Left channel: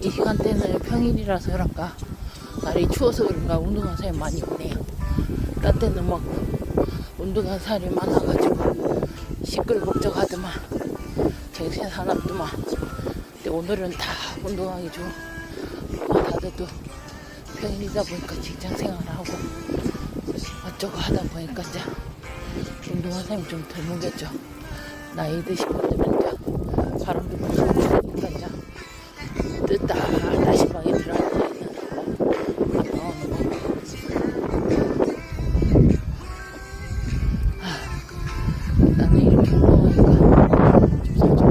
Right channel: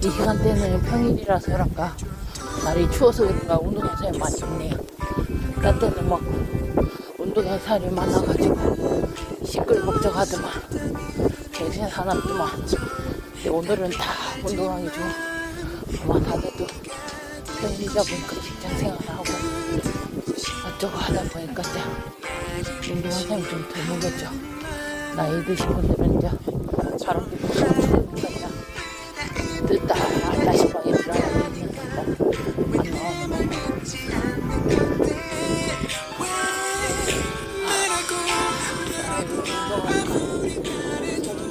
이 시간대는 평일이라서 그런가 날이 추워서 그런가 사람이 많이 없네요. 딴 때는 막 운동하는 사람이 많아가지고 시끌벅적하더만 갱생 사납더만 근데 오늘은 다 운동하기 좋은 아마 다들 또 평일이다 보니까 직장 생활하고 어쩌고 하다 보니까 이제 사람이 좀 드물겠죠. 나이 드신 분들은 이제 바람도 불고 추우니까 이제 늦다. 다시 방에 들어가고 있는다고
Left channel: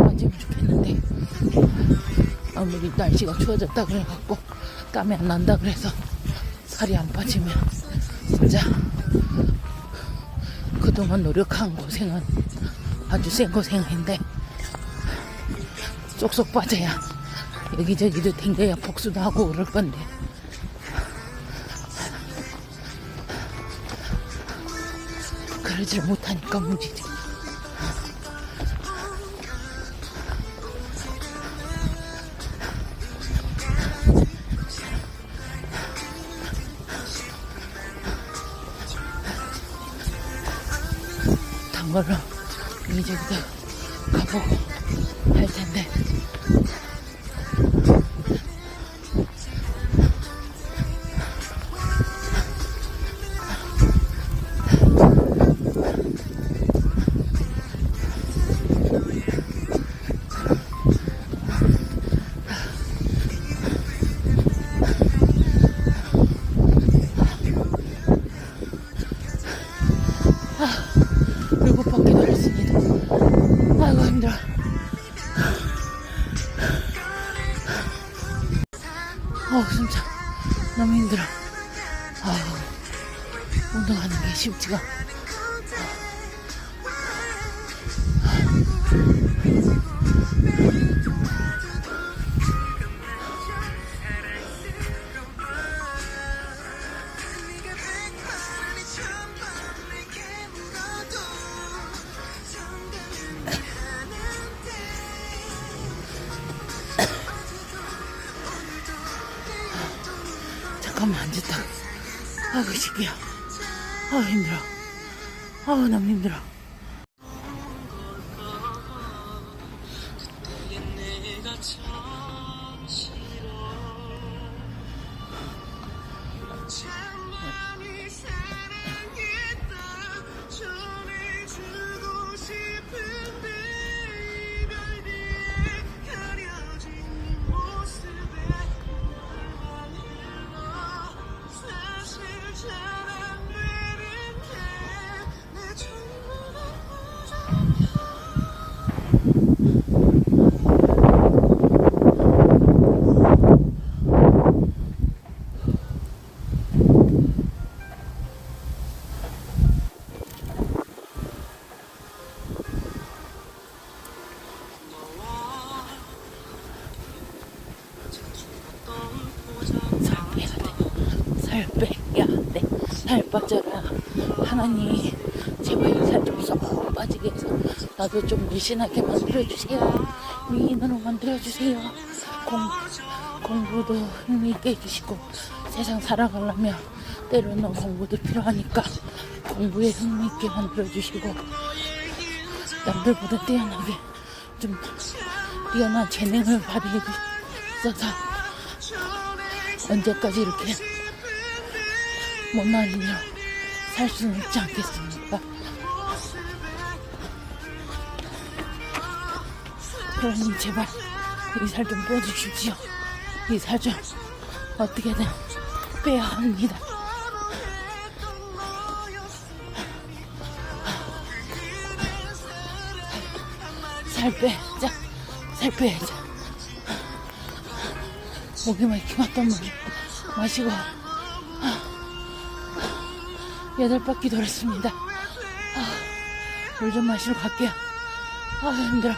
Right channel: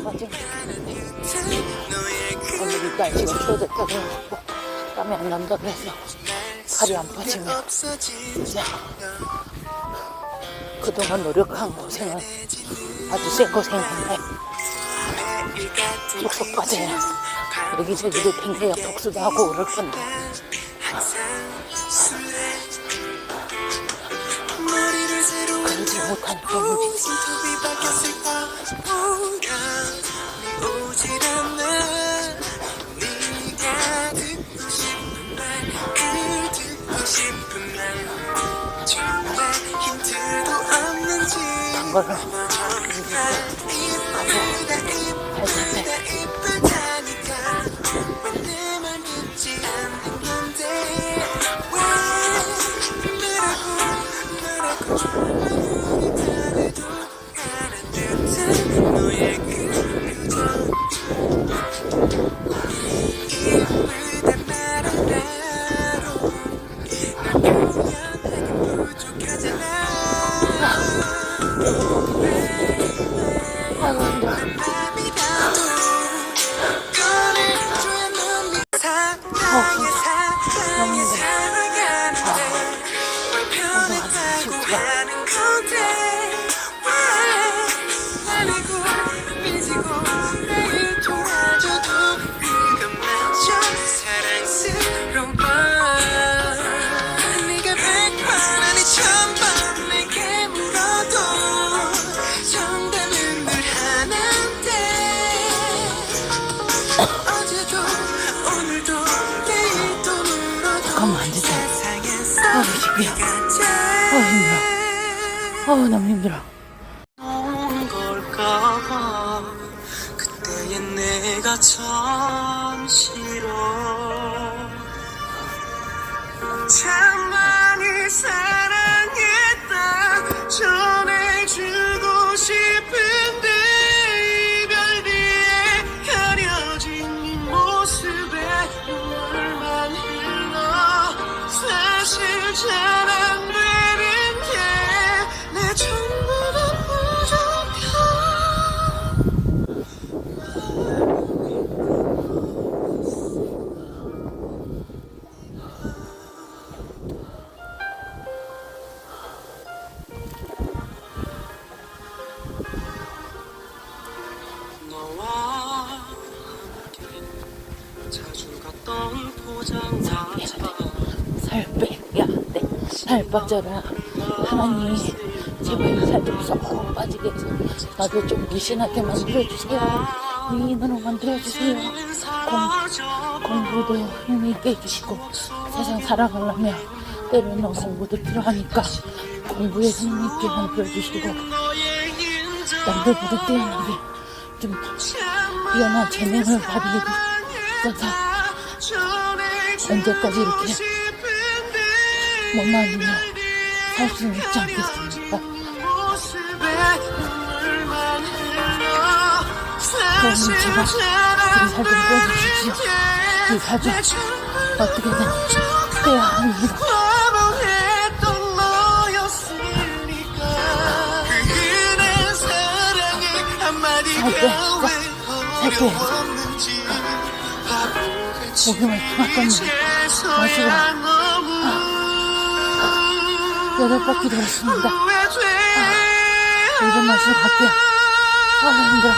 안 좋겠는데 오늘 날씨가 추워졌다 그래갖고 땀이 안 난다 그래서 팔이 안 빠지면 진짜. 그동안 노력한 고생은 아주 센 고생인데 쏙쏙 빠져야 여기저기도 댕겨야 복수도 하고 그럴 건데. 그러지 못하니까 문제지 단 걸로 이제 가고 할 텐데 어도 잠깐만. 세상에서 아우 집이야. 아우 힘들어. 아우 너무 힘들어. 온 살 빼야 돼. 살 빠져라. 하나님이 제발 살좀쏙 빠지게 해서 나도 좀 미신하게 만들어주세요. 미인으로 만들어주세요. 공, 공부도 힘있게 해주시고 세상 살아가려면 때로는 공부도 필요하니까 공부에 힘있게 만들어주시고 남들보다 뛰어나게 좀 뛰어난 재능을 발휘해 주셔서 언제까지 이렇게 일로 살 수는 있지 않겠습니까? 그러면 제발 이살좀 빼주십시오. 이 살 좀 어떻게든 빼야 합니다. 살 빼, 진짜 살 빼야죠. 키웠던 놈 마시고 여덟 바퀴 돌았습니다. 물좀 마시러 갈게요. 아 힘들어.